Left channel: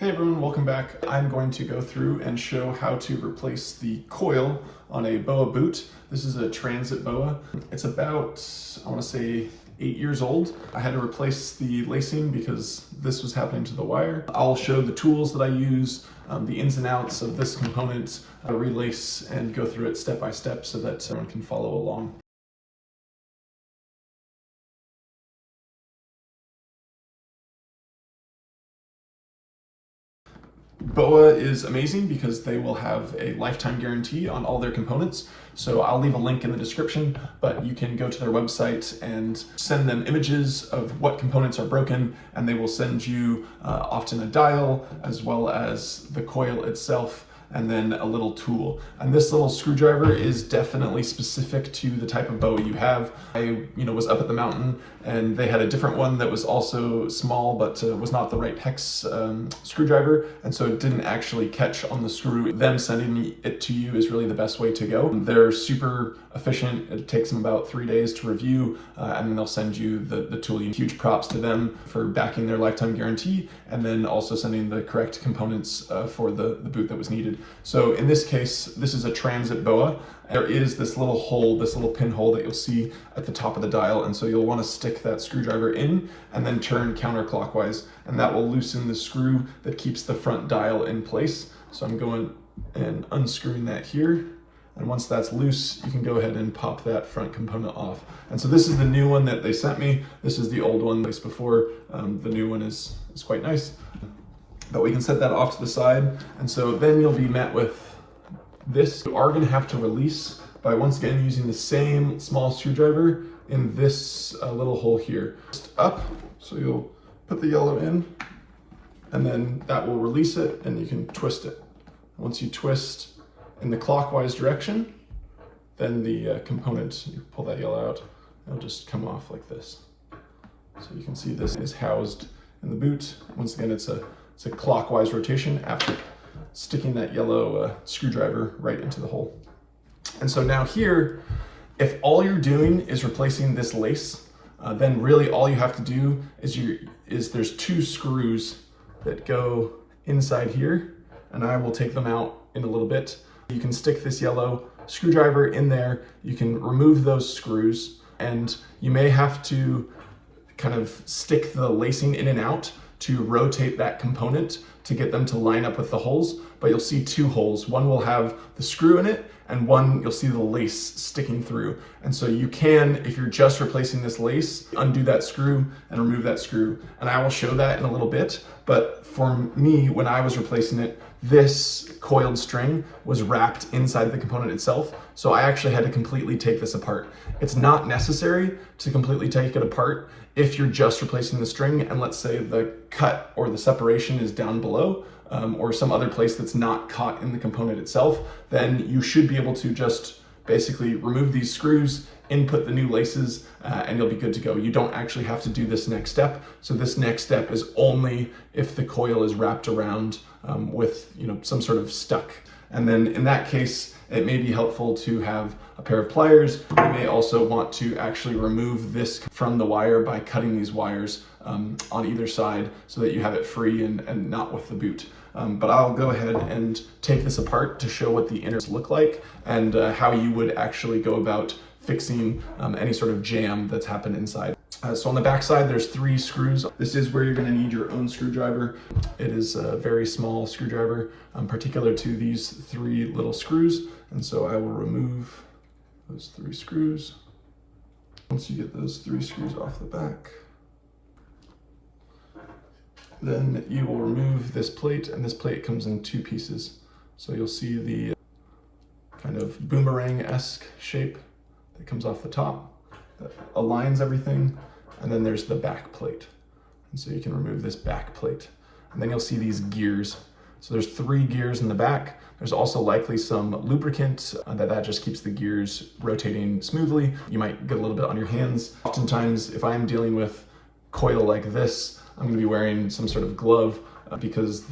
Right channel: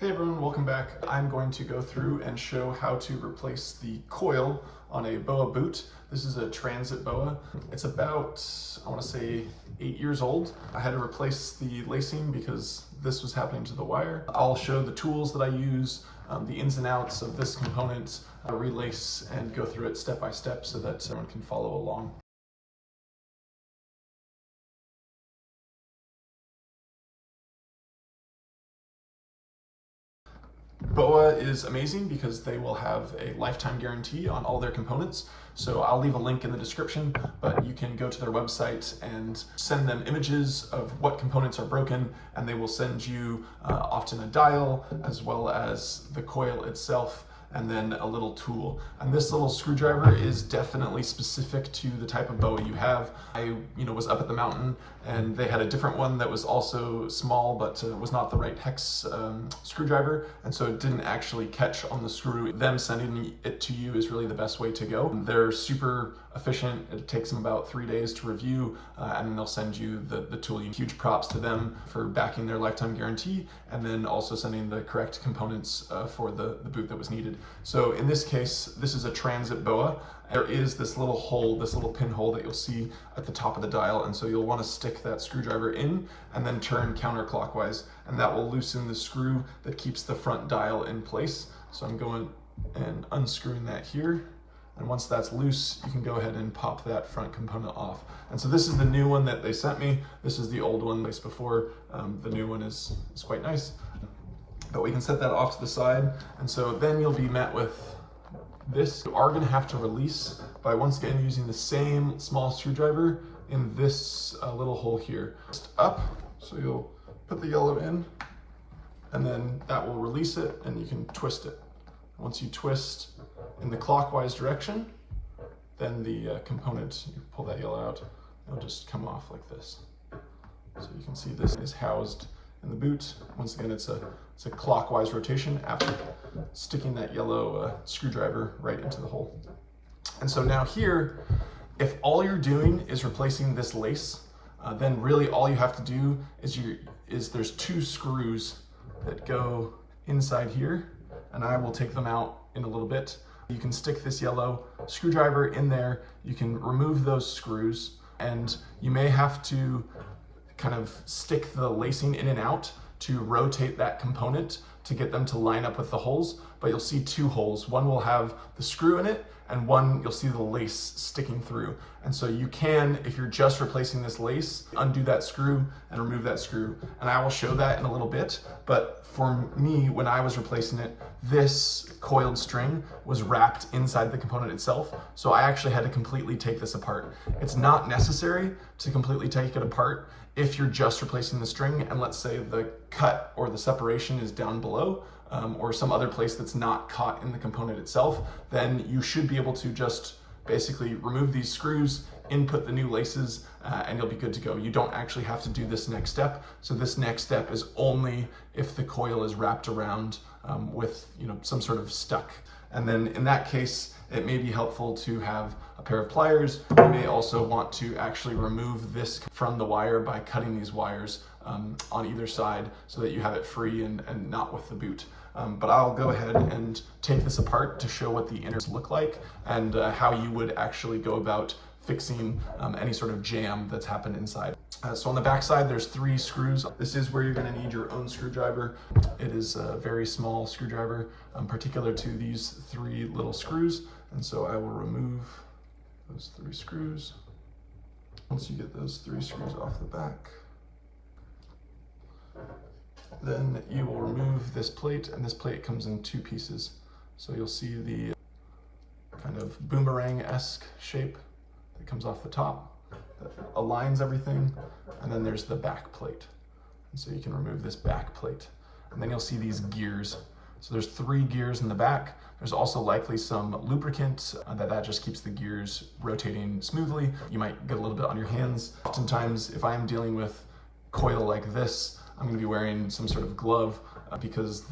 Hey everyone, welcome back. I'm going to go through and show how to replace the coil on a BOA boot. This is a transit BOA. It's about, I want to say, 8 years old. I had to replace the lacing because this was happening to the wire. I'll show the tools that I use, the ins and outs of this component, relace, and go through it step by step so that everyone can follow along. BOA is amazing because they will have a lifetime guarantee on all their components. So I'll leave a link in the description, but you can go to their website and send them images of what components are broken, and they will send you often a dial as well as the coil itself, and then a little tool. And this little screwdriver is definitely specific to the type of BOA you have. I was up at the mountain and they had a different one that was also small, but was not the right hex screwdriver. And so it didn't actually catch on the screw. Them sending it to you is really the best way to go. They're super efficient. It takes them about 3 days to review, and then they'll send you the tool. Huge props to them for backing their lifetime guarantee, and then also sending the correct components for the boot that was needed. So in this case, this is a transit BOA. There is this little hole, this little pinhole that you'll see at the top of the dial, and so you'll want to stick that screwdriver in and then turn counterclockwise, and that will loosen the screw that keeps the front dial in place. So I'm going and unscrewing that here. And once that's loose, you can go ahead and pop that front component off. And so this is the new one that they sent me. This is the old one placed before. The new one is quite nice. But we can set that off to the side. And so then you'll be met with this. You are gonna have to release by once again using the same small screwdriver in this little hole here. Just up, so you'll put the yellow in, and then that will release it and you can twist it. Once you twist in the clockwise direction, then the component, you pull that yellow out, it'll just come off like this. So you can see this is housed in the boot. Once again, it's a clockwise rotation after sticking that yellow screwdriver right into the hole. And so now here, if all you're doing is replacing this lace, then really all you have to do is there's 2 screws that go inside here, and I will take them out in a little bit. You can stick this yellow screwdriver in there, you can remove those screws, and you may have to kind of stick the lacing in and out to rotate that component to get them to line up with the holes, but you'll see 2 holes. One will have the screw in it, and one you'll see the lace sticking through. And so you can, if you're just replacing this lace, undo that screw and remove that screw. And I will show that in a little bit, but for me, when I was replacing it, this coiled string was wrapped inside the component itself. So I actually had to completely take this apart. It's not necessary to completely take it apart if you're just replacing the string, and let's say the cut or the separation is down below, or some other place that's not caught in the component itself, then you should be able to just basically remove these screws, input the new laces, and you'll be good to go. You don't actually have to do this next step. So this next step is only if the coil is wrapped around with some sort of stuck. And then in that case, it may be helpful to have a pair of pliers. You may also want to actually remove this from the wire by cutting these wires on either side so that you have it free and not with the boot. But I'll go ahead and take this apart to show what the inners look like and how you would actually go about fixing any sort of jam that's happened inside. So on the back side, there's 3 screws. This is where you're gonna need your own screwdriver. It is a very small screwdriver, particular to these 3 little screws. And so I will remove those 3 screws. Once you get those 3 screws off the back, then you will remove this plate, and this plate comes in 2 pieces. So you'll see the kind of boomerang-esque shape that comes off the top that aligns everything, and then there's the back plate. And so you can remove this back plate. And then you'll see these gears. So there's 3 gears in the back. There's also likely some lubricant that just keeps the gears rotating smoothly. You might get a little bit on your hands. Oftentimes, if I'm dealing with coil like this, I'm gonna be wearing some sort of glove because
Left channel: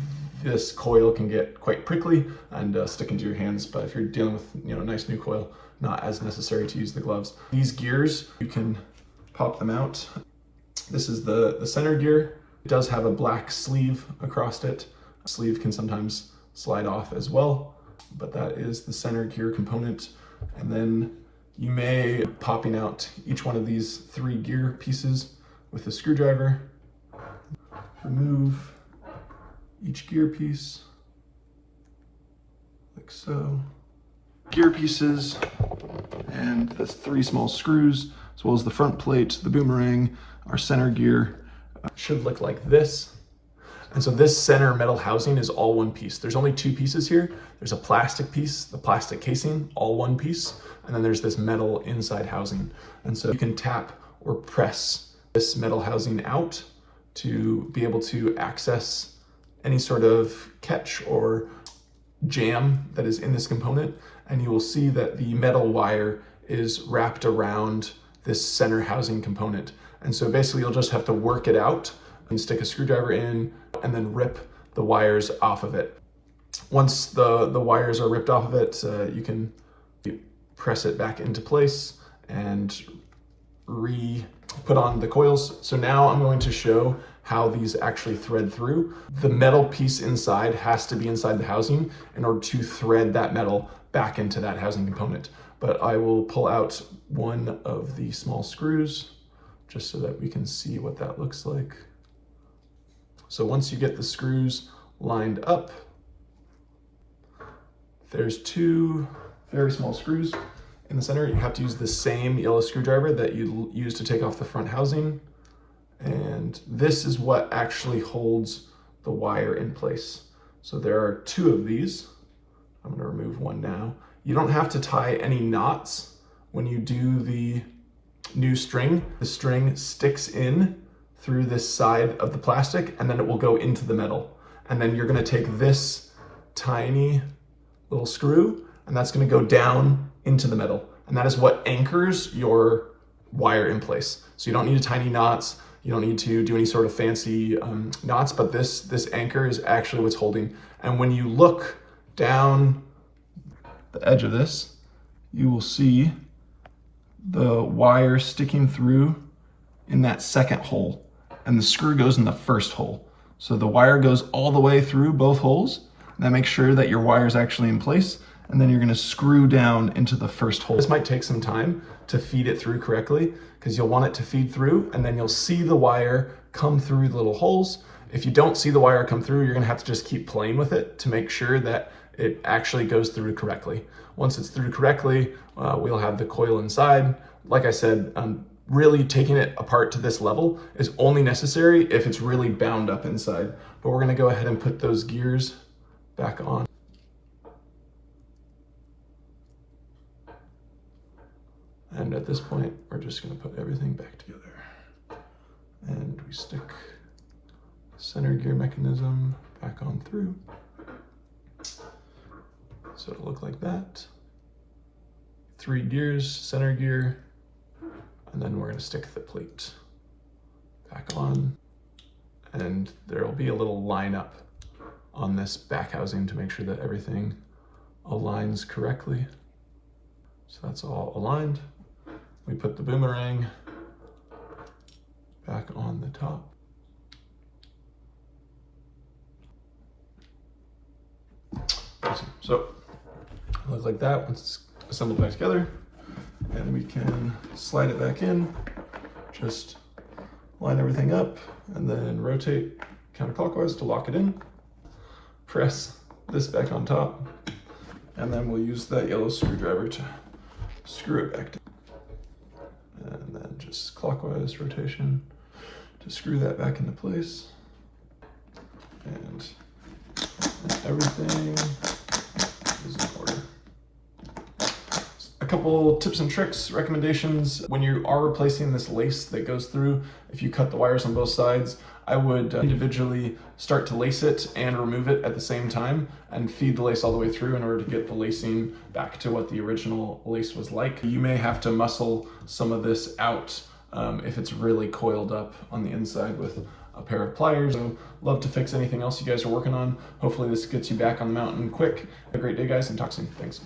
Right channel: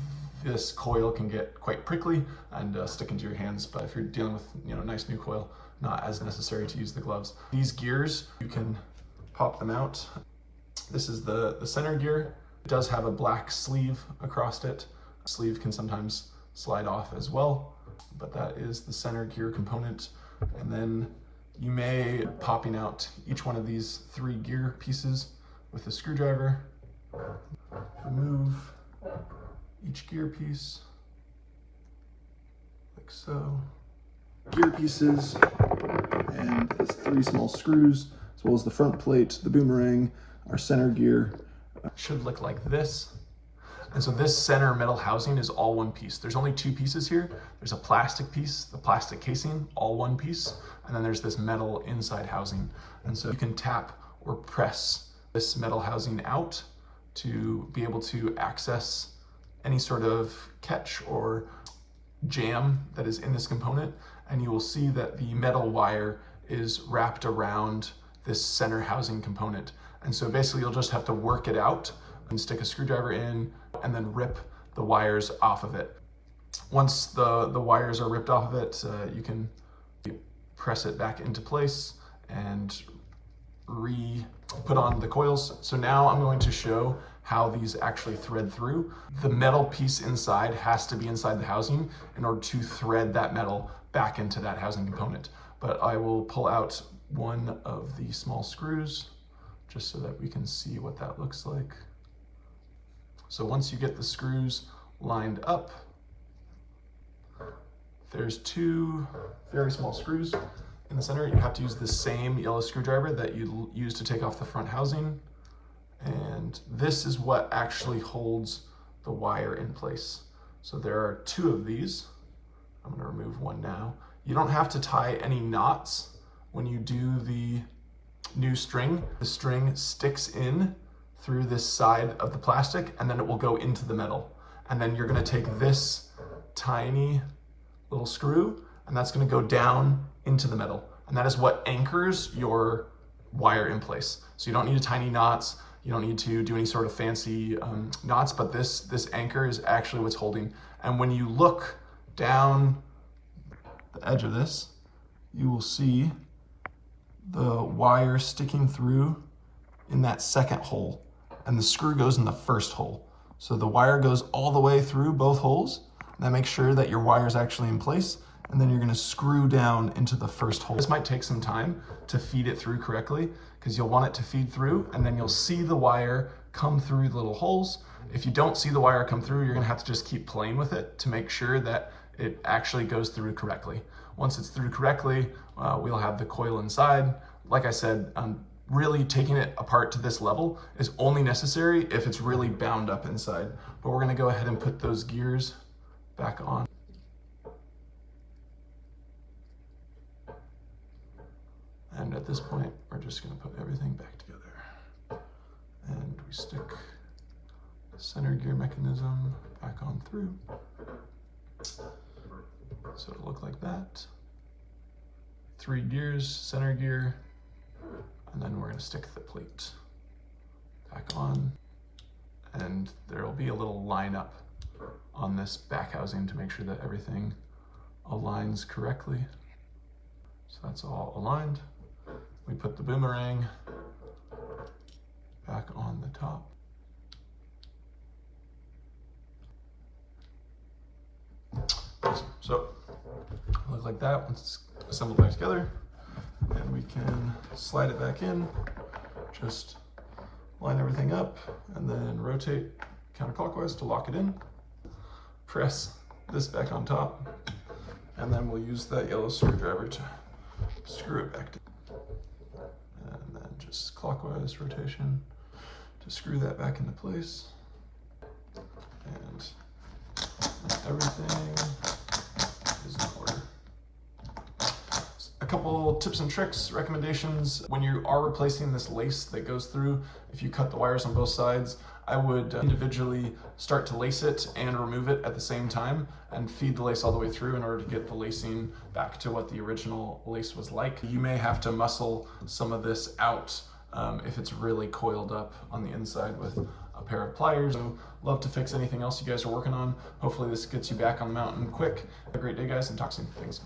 this coil can get quite prickly and stick into your hands. But if you're dealing with a nice new coil, not as necessary to use the gloves. These gears, you can pop them out. This is the center gear. It does have a black sleeve across it. Sleeve can sometimes slide off as well, but that is the center gear component. And then you may popping out each one of these 3 gear pieces with a screwdriver. Remove each gear piece like so. Gear pieces and the 3 small screws, as well as the front plate, the boomerang, our center gear should look like this. And so this center metal housing is all one piece. There's only 2 pieces here. There's a plastic piece, the plastic casing, all one piece, and then there's this metal inside housing. And so you can tap or press this metal housing out to be able to access any sort of catch or jam that is in this component. And you will see that the metal wire is wrapped around this center housing component. And so basically you'll just have to work it out and stick a screwdriver in and then rip the wires off of it. Once the wires are ripped off of it, you can press it back into place and put on the coils. So now I'm going to show how these actually thread through. The metal piece inside has to be inside the housing in order to thread that metal back into that housing component. But I will pull out one of the small screws just so that we can see what that looks like. So once you get the screws lined up, there's 2 very small screws in the center. You have to use the same yellow screwdriver that you use to take off the front housing. And this is what actually holds the wire in place. So there are 2 of these. I'm going to remove one now. You don't have to tie any knots when you do the new string. The string sticks in through this side of the plastic and then it will go into the metal. And then you're going to take this tiny little screw and that's going to go down into the metal. And that is what anchors your wire in place. So you don't need to tie any knots. You don't need to do any sort of fancy knots, but this anchor is actually what's holding. And when you look down the edge of this, you will see the wire sticking through in that second hole, and the screw goes in the first hole. So the wire goes all the way through both holes. That makes sure that your wire is actually in place, and then you're going to screw down into the first hole. This might take some time to feed it through correctly because you'll want it to feed through, and then you'll see the wire come through the little holes. If you don't see the wire come through, you're going to have to just keep playing with it to make sure that it actually goes through correctly. Once it's through correctly, we'll have the coil inside. Like I said, really taking it apart to this level is only necessary if it's really bound up inside. But we're going to go ahead and put those gears back on. And at this point, we're just going to put everything back together. And we stick the center gear mechanism back on through. So it'll look like that. 3 gears, center gear, and then we're going to stick the plate back on. And there'll be a little line up on this back housing to make sure that everything aligns correctly. So that's all aligned. We put the boomerang back on the top. Awesome. So it looks like that once it's assembled back together, and we can slide it back in. Just line everything up and then rotate counterclockwise to lock it in. Press this back on top, and then we'll use that yellow screwdriver to screw it back down. And then just clockwise rotation to screw that back into place. And everything is in order. A couple tips and tricks, recommendations. When you are replacing this lace that goes through, if you cut the wires on both sides, I would individually start to lace it and remove it at the same time and feed the lace all the way through in order to get the lacing back to what the original lace was like. You may have to muscle some of this out if it's really coiled up on the inside with a pair of pliers. So love to fix anything else you guys are working on. Hopefully this gets you back on the mountain quick. Have a great day, guys, and talk soon. Thanks.